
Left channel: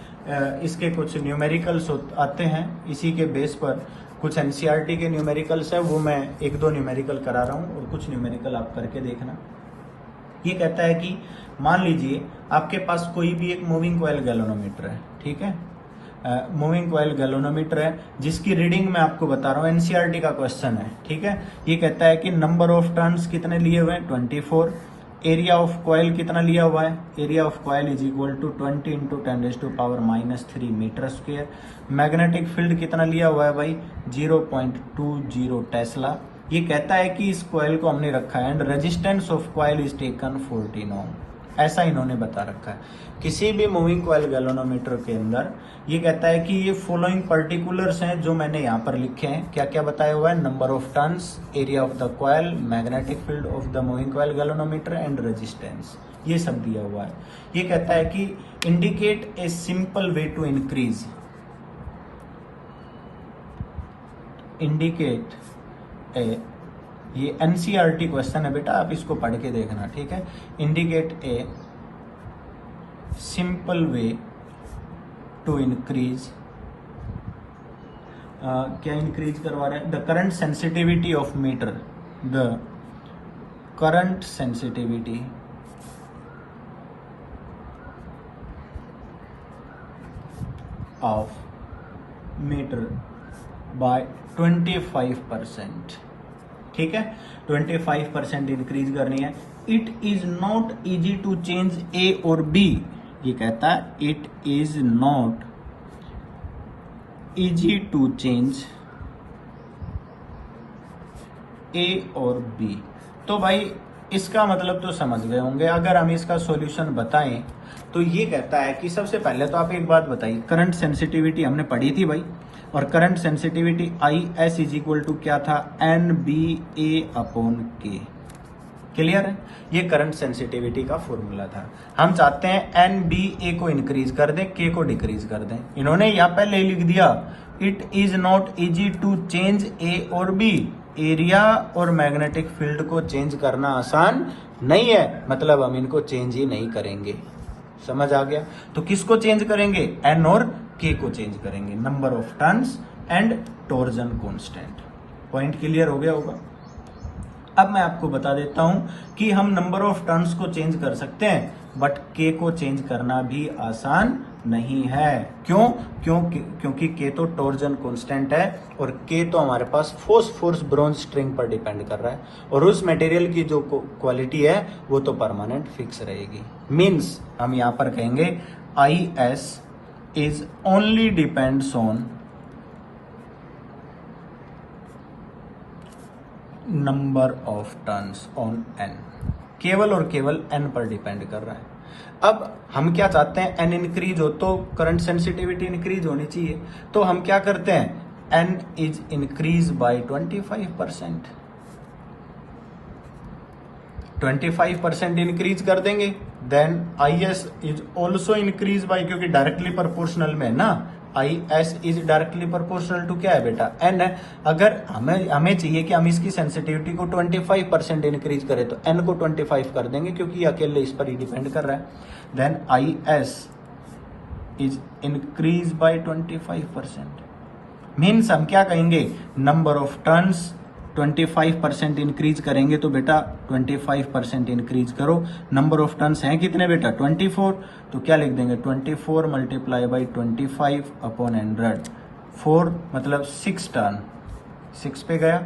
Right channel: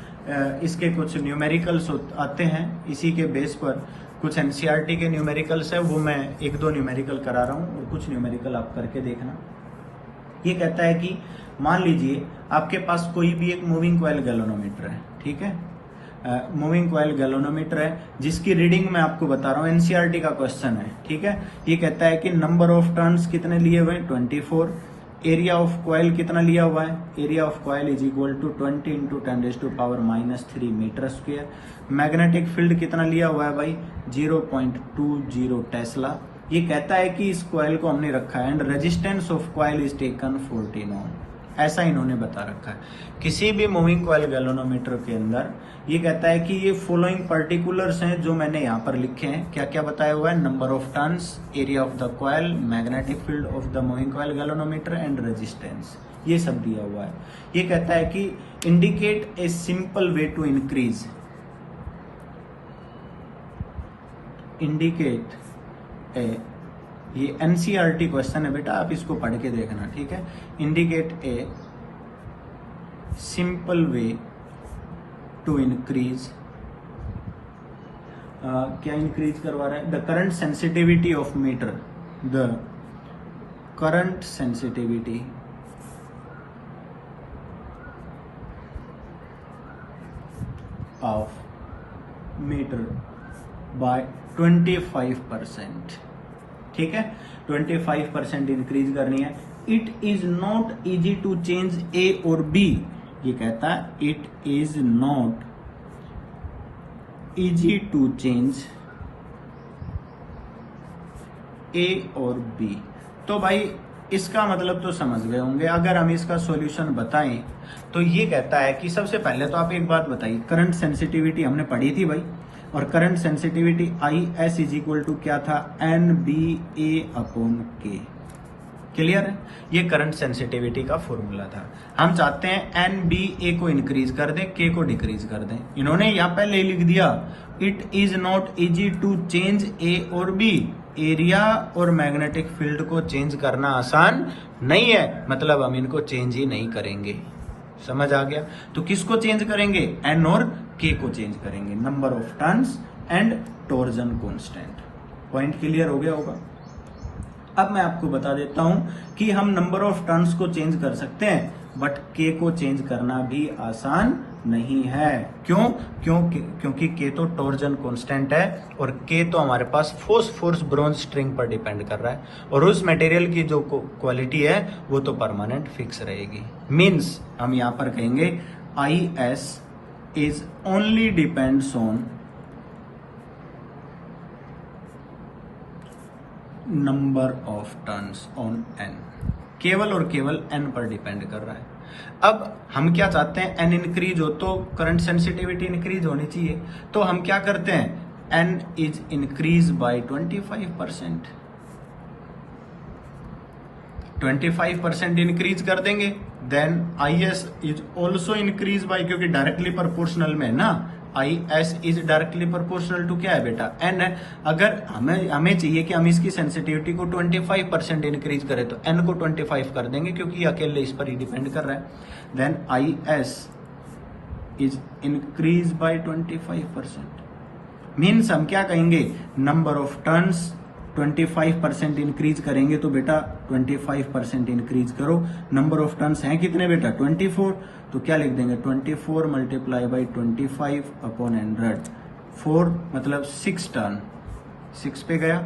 इसके कुछ न्यूमेरिकल्स आते हैं, इसी के बेस पर कुछ एनसीईआरटी के न्यूमेरिकल्स है, वो मैं एक दो न्यूमेरिकल करा रहा हूँ और कुछ न्यूमेरिकल आप करके देखना। ये कहता है कि मान लीजिए आपके पास कोई भी एक मूविंग कॉइल गैल्वेनोमीटर है, ठीक है, मूविंग कॉइल गैल्वेनोमीटर है जिसकी रीडिंग मैं आपको बता रहा हूँ, एनसीईआरटी का क्वेश्चन है, ठीक है। ये कहता है कि नंबर ऑफ टर्न्स कितने लिए हुए हैं, 24। एरिया ऑफ कॉइल कितना लिया हुआ है, area of coil is equal to 20 into 10⁻³ metre square. Magnetic field कितना लिया हुआ है भाई, 0.20 टेस्ला। ये कहता है कि इस कॉइल को हमने रखा है and resistance of coil is taken 14 ओम, ऐसा इन्होंने बता रखा है। किसी भी मूविंग कॉइल गैल्वेनोमीटर के अंदर ये कहता है कि ये फॉलोइंग पर्टिकुलर्स हैं जो मैंने यहाँ पर लिखे हैं। क्या क्या बताया हुआ है, number of turns, area of the coil, magnetic field of the moving coil galvanometer and resistance, ये सब दिया हुआ है। ये कहता है कि indicate a simple way to increase, indicate a, ये एनसीईआरटी क्वेश्चन है बेटा, आप इसको पढ़ के देखना, ठीक है। Indicate a simple way to increase, क्या इंक्रीज करवा रहा है, the current sensitivity of meter, the current sensitivity of meter by 25%, ठीक है, 25% इंक्रीज करनी है। It is not easy to change A और बी, ये कहता है it is not easy to change A और बी। तो भाई इसका मतलब तो समझ गए होंगे। अगर हम इसका सॉल्यूशन बताएं तो ये कहता है कि सबसे पहले तो आप एक बात बताइए, करंट सेंसिटिविटी हमने पढ़ी थी भाई, और current sensitivity IS is equal to क्या था, NBA/K। क्लियर है? ये करंट सेंसिटिविटी का फॉर्मूला था। हम चाहते हैं NBA को इंक्रीज कर दें, K को डिक्रीज कर दें। इन्होंने यहाँ पहले लिख दिया it is not easy to change A और बी, एरिया और मैग्नेटिक फील्ड को चेंज करना आसान नहीं है, मतलब हम इनको चेंज ही नहीं करेंगे। समझ आ गया? तो किसको चेंज करेंगे, एन और के को चेंज करेंगे, number of turns and torsion constant. Point clear हो गया होगा। अब मैं आपको बता देता हूं कि हम नंबर ऑफ टर्न्स को चेंज कर सकते हैं, बट के को चेंज करना भी आसान नहीं है। क्योंकि के तो टॉर्जन कांस्टेंट है और के तो हमारे पास फॉस्फोरस ब्रॉन्ज स्ट्रिंग पर डिपेंड कर रहा है, और उस मटेरियल की जो क्वालिटी है वो तो परमानेंट फिक्स रहेगी। मीन्स हम यहां पर कहेंगे IS is only depends on number of turns on n, केवल और केवल n पर डिपेंड कर रहा है। अब हम क्या चाहते हैं, n इंक्रीज हो तो करंट सेंसिटिविटी इंक्रीज होनी चाहिए, तो हम क्या करते हैं, n is increase by 25%, 25% increase कर देंगे। Then IS is also increase by, क्योंकि डायरेक्टली प्रोपोर्शनल में ना, IS is directly proportional to क्या है बेटा, n है। अगर हमें चाहिए कि हम इसकी सेंसिटिविटी को 25% इंक्रीज करें तो n को 25 कर देंगे, क्योंकि अकेले इस पर ही डिपेंड कर रहा है। Then IS is increase by 25%, means हम क्या कहेंगे, नंबर ऑफ टर्न्स 25% इंक्रीज करेंगे तो बेटा 25% इंक्रीज करो। नंबर ऑफ टर्न्स हैं कितने बेटा 24, तो क्या लिख देंगे 24 मल्टीप्लाई बाई 25 अपॉन 100, 4 मतलब 6 टर्न, 6 पे गया,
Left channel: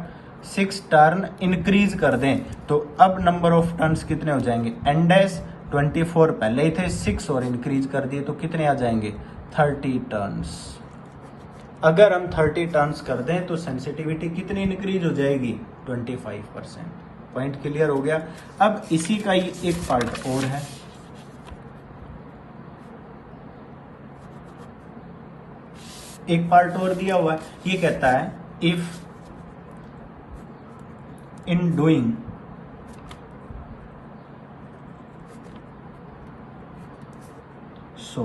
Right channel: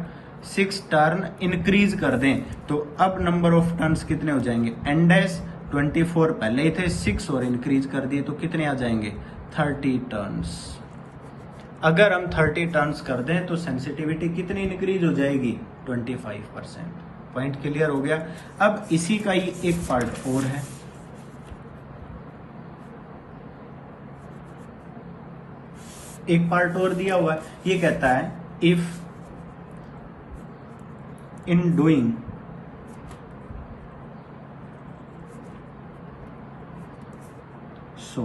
6 टर्न इंक्रीज कर दें तो अब नंबर ऑफ टर्न्स कितने हो जाएंगे एन डैश 24 पहले ही थे, 6 और इंक्रीज कर दिए तो कितने आ जाएंगे 30 टर्न्स। अगर हम 30 टर्न्स कर दें तो सेंसिटिविटी कितनी इंक्रीज हो जाएगी 25%। पॉइंट क्लियर हो गया। अब इसी का ही एक पार्ट और है, एक पार्ट और दिया हुआ है, ये कहता है if in doing so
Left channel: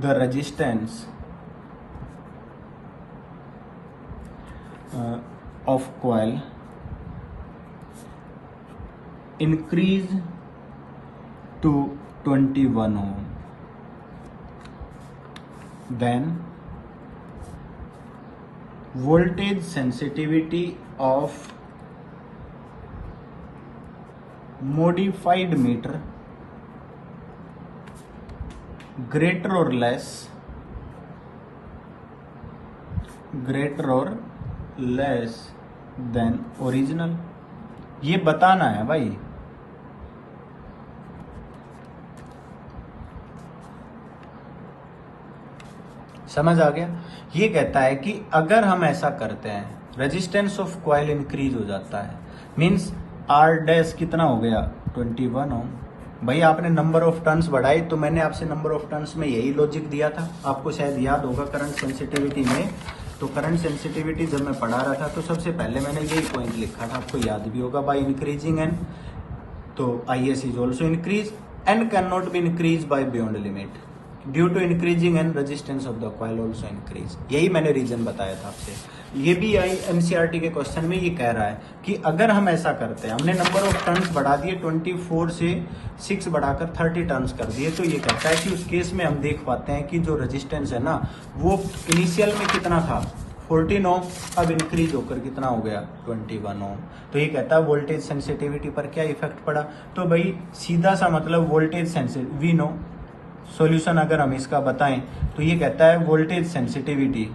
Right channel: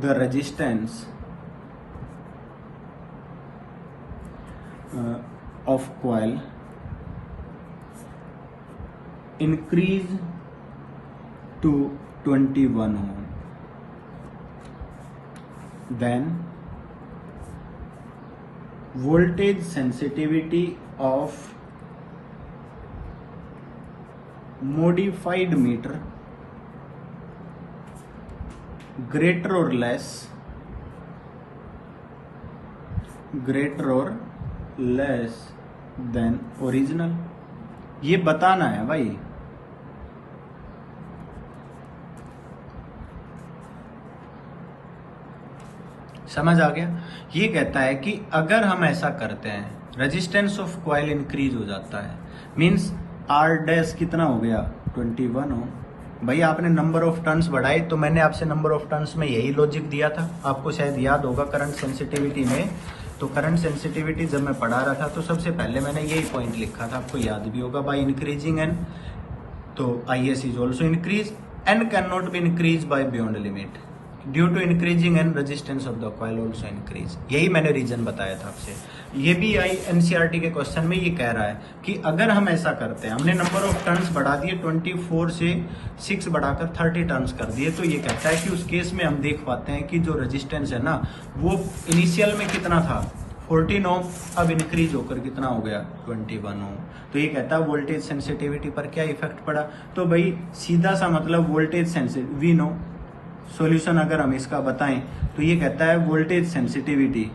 the resistance of coil increase to 21 ohm, then voltage sensitivity of modified meter greater or less than original। ये बताना है भाई, समझ आ गया। ये कहता है कि अगर हम ऐसा करते हैं रेजिस्टेंस ऑफ कॉइल इंक्रीज हो जाता है, मींस आर डैश कितना हो गया 21 ओम। भाई आपने नंबर ऑफ टर्न्स बढ़ाए तो मैंने आपसे नंबर ऑफ टर्न्स में यही लॉजिक दिया था, आपको शायद याद होगा करंट सेंसिटिविटी में। तो करंट सेंसिटिविटी जब मैं पढ़ा रहा था तो सबसे पहले मैंने यही पॉइंट लिखा था, आपको याद भी होगा, बाय इंक्रीजिंग एन, तो I S is also increase, N can not be increase by beyond limit due to increasing N resistance of the coil also increase. यही मैंने रीजन बताया था आपसे। ये भी आई एनसीईआरटी के क्वेश्चन में ये कह रहा है कि अगर हम ऐसा करते हैं, हमने नंबर ऑफ टर्न्स बढ़ा दिए 24 से 6 बढ़ाकर 30 टर्न्स कर दिए, तो ये कहता है कि उस केस में हम देख पाते हैं कि जो रेजिस्टेंस है ना वो इनिशियल में कितना था 14 ओम, अब इंक्रीज होकर कितना हो गया 21 ओम। तो ये कहता है वोल्टेज सेंसिटिविटी पर क्या इफेक्ट पड़ा। तो भाई सीधा सा मतलब voltage sensitivity we know solution अगर हम इसका बताएं तो ये कहता है वोल्टेज सेंसिटिविटी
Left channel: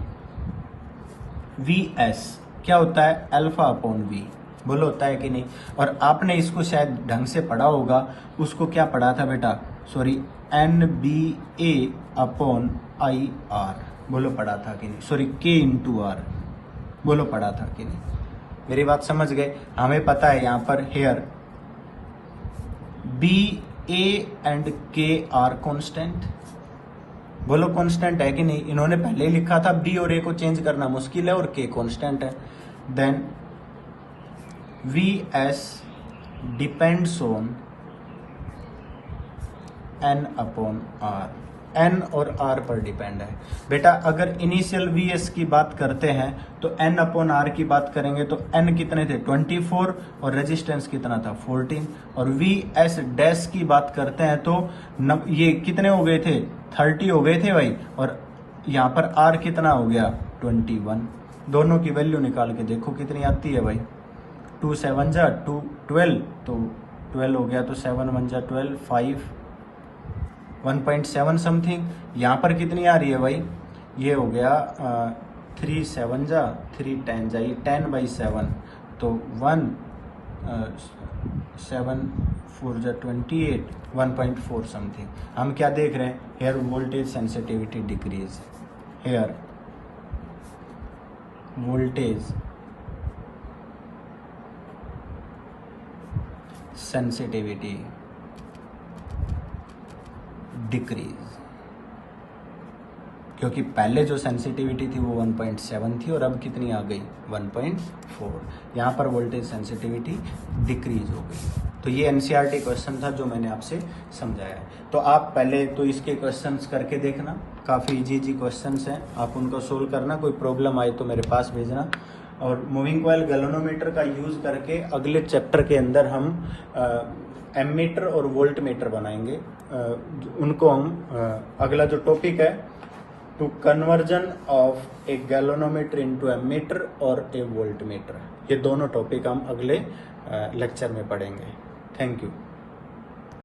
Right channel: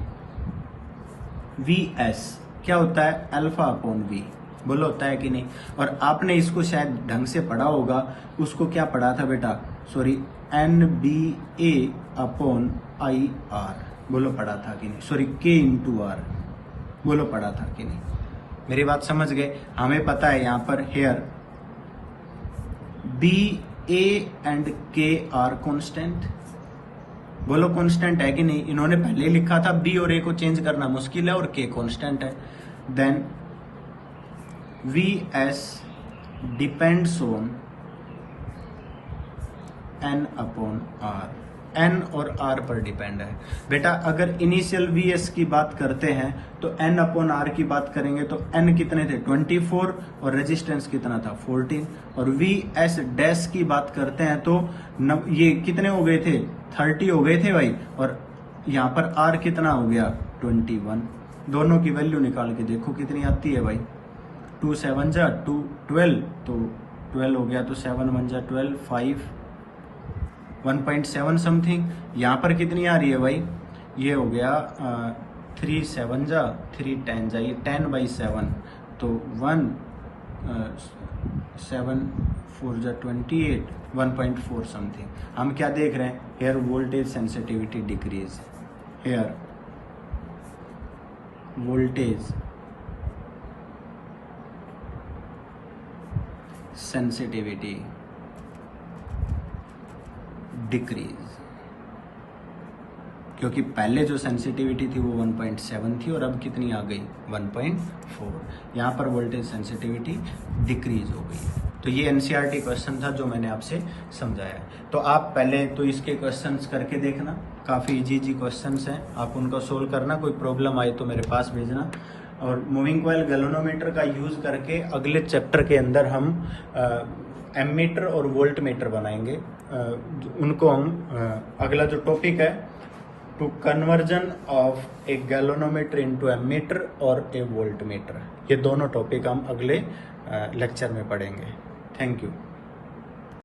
Vs क्या होता है अल्फा अपॉन वी, बोलो होता है कि नहीं। और आपने इसको शायद ढंग से पढ़ा होगा, उसको क्या पढ़ा था बेटा, sorry NBA upon I R, बोलो पढ़ा था कि नहीं, सॉरी K इंटू आर, बोलो पढ़ा था कि नहीं। मेरी बात समझ गए। हमें पता है यहाँ पर here BA and K are constant, बोलो कांस्टेंट है कि नहीं। इन्होंने पहले ही लिखा था बी और ए को चेंज करना मुश्किल है और के कांस्टेंट है। Then Vs depends on n upon R, n और r पर डिपेंड है बेटा। अगर इनिशियल Vs की बात करते हैं तो n अपॉन r की बात करेंगे तो n कितने थे 24 और रेजिस्टेंस कितना था 14, और Vs डैश की बात करते हैं तो ये कितने हो गए थे 30 हो गए थे भाई, और यहाँ पर r कितना हो गया 21। दोनों की वैल्यू निकाल के देखो कितनी आती है भाई, 2 7 जा 2 12, तो 12 हो गया तो 7 1 जा 12, 5 1.7 समथिंग। यहाँ पर कितनी आ रही है भाई, ये हो गया 3 7 जा 3 10 जा, ये 10/7, तो 1 7 4 जा 28, 1.4 समथिंग। हम क्या देख रहे हैं, here voltage sensitivity decrease, here voltage sensitivity decrease, क्योंकि पहले जो सेंसिटिविटी थी वो 1.7 थी और अब कितनी आ गई 1.4। यहाँ पर वोल्टेज सेंसिटिविटी डिक्रीज हो गई। तो ये एनसीईआरटी क्वेश्चन था जो मैंने आपसे समझाया। तो आप पहले तो इसके क्वेश्चंस करके देखना, काफ़ी इजी क्वेश्चन्स हैं, आप उनको सोल्व करना। कोई प्रॉब्लम आए तो मेरे पास भेजना। और मूविंग कॉइल गैल्वेनोमीटर का यूज़ करके अगले चैप्टर के अंदर हम एमीटर और वोल्ट मीटर बनाएंगे। उनको हम अगला जो टॉपिक है two conversion of a galvanometer into a meter और ए वोल्ट मीटर। ये दोनों टॉपिक हम अगले लेक्चर में पढ़ेंगे। Thank you.